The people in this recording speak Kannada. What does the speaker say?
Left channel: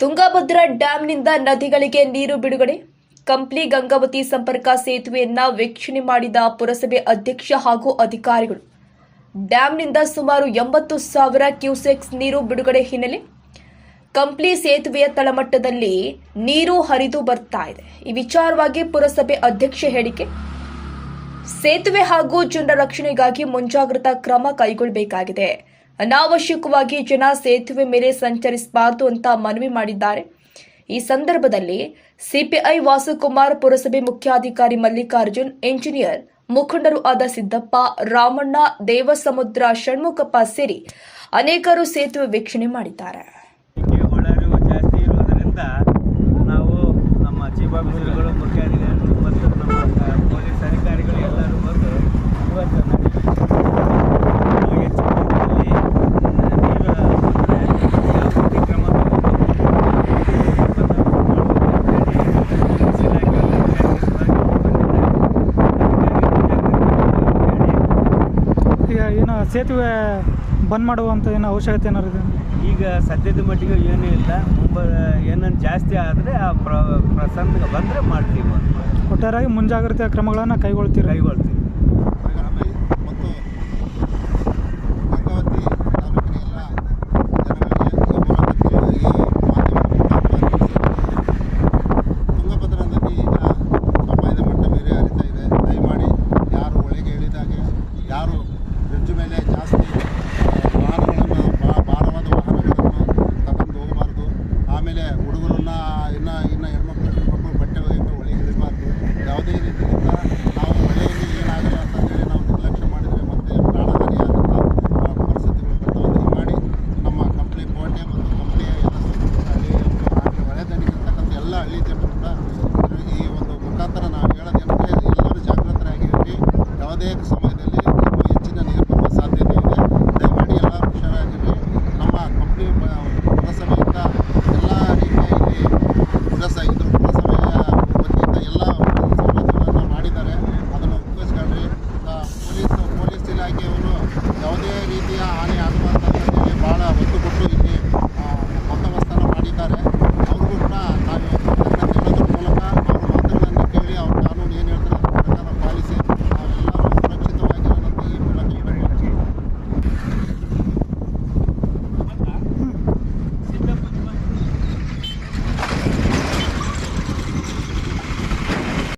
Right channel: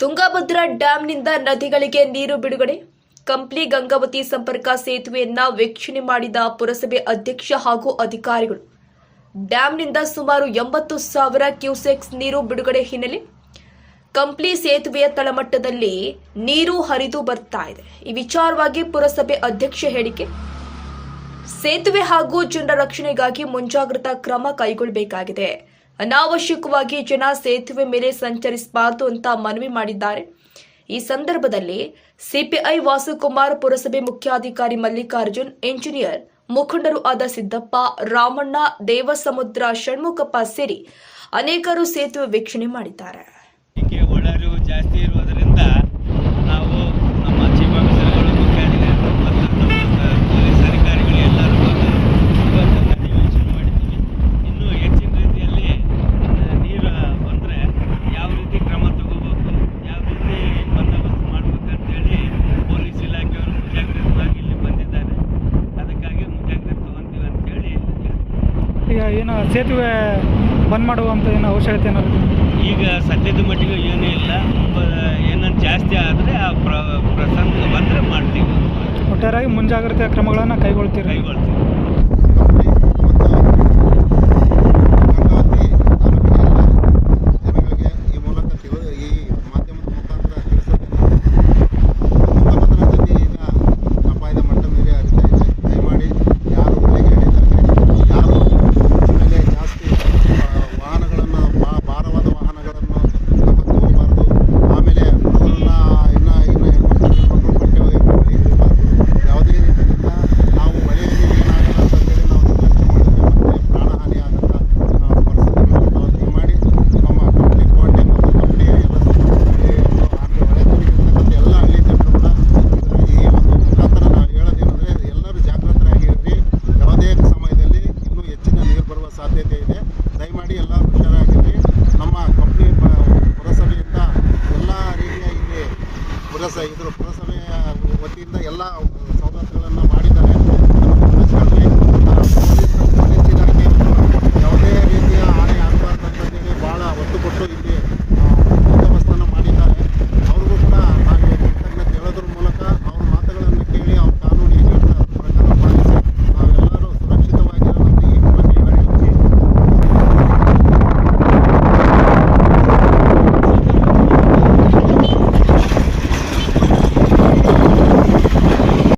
ತುಂಗಭದ್ರಾ ಡ್ಯಾಂನಿಂದ ನದಿಗಳಿಗೆ ನೀರು ಬಿಡುಗಡೆ. ಕಂಪ್ಲಿ ಗಂಗಾವತಿ ಸಂಪರ್ಕ ಸೇತುವೆಯನ್ನ ವೀಕ್ಷಣೆ ಮಾಡಿದ ಪುರಸಭೆ ಅಧ್ಯಕ್ಷ ಹಾಗೂ ಅಧಿಕಾರಿಗಳು. ಡ್ಯಾಂನಿಂದ ಸುಮಾರು ಎಂಬತ್ತು ಸಾವಿರ ಕ್ಯೂಸೆಕ್ಸ್ ನೀರು ಬಿಡುಗಡೆ ಹಿನ್ನೆಲೆ ಕಂಪ್ಲಿ ಸೇತುವೆಯ ತಳಮಟ್ಟದಲ್ಲಿ ನೀರು ಹರಿದು ಬರ್ತಾ ಇದೆ. ಈ ವಿಚಾರವಾಗಿ ಪುರಸಭೆ ಅಧ್ಯಕ್ಷ ಹೇಳಿಕೆ, ಸೇತುವೆ ಹಾಗೂ ಜನರ ರಕ್ಷಣೆಗಾಗಿ ಮುಂಜಾಗ್ರತಾ ಕ್ರಮ ಕೈಗೊಳ್ಳಬೇಕಾಗಿದೆ. ಅನಾವಶ್ಯಕವಾಗಿ ಜನ ಸೇತುವೆ ಮೇಲೆ ಸಂಚರಿಸಬಾರದು ಅಂತ ಮನವಿ ಮಾಡಿದ್ದಾರೆ. ಈ ಸಂದರ್ಭದಲ್ಲಿ ಸಿಪಿಐ ವಾಸುಕುಮಾರ್ ಪುರಸಭೆ ಮುಖ್ಯಾಧಿಕಾರಿ ಮಲ್ಲಿಕಾರ್ಜುನ್, ಎಂಜಿನಿಯರ್ ಮುಖಂಡರು ಆದ ಸಿದ್ದಪ್ಪ, ರಾಮಣ್ಣ, ದೇವಸಮುದ್ರ, ಷಣ್ಮುಖಪ್ಪ ಸೇರಿ ಅನೇಕರು ಸೇತುವೆ ವೀಕ್ಷಣೆ ಮಾಡಿದ್ದಾರೆ. ಈಗ ಏನು ಸೇತುವೆ ಬಂದ್ ಮಾಡುವಂಥ ಏನು ಅವಶ್ಯಕತೆ ಏನಾದ್ರು ಇದೆ? ಈಗ ಸದ್ಯದ ಮಟ್ಟಿಗೆ ಏನೂ ಇಲ್ಲ. ಏನನ್ನು ಜಾಸ್ತಿ ಆದರೆ ಆ ಪ್ರ ಪ್ರಸಂಗ ಬಂದರೆ ಮಾಡ್ತೀವಿ ಮಾಡಿ ಒಟ್ಟಾರೆಯಾಗಿ ಮುಂಜಾಗ್ರತೆ ಕ್ರಮಗಳನ್ನು ಕೈಗೊಳ್ತೀವಿ ಕೈಗೊಳ್ತೀವಿ.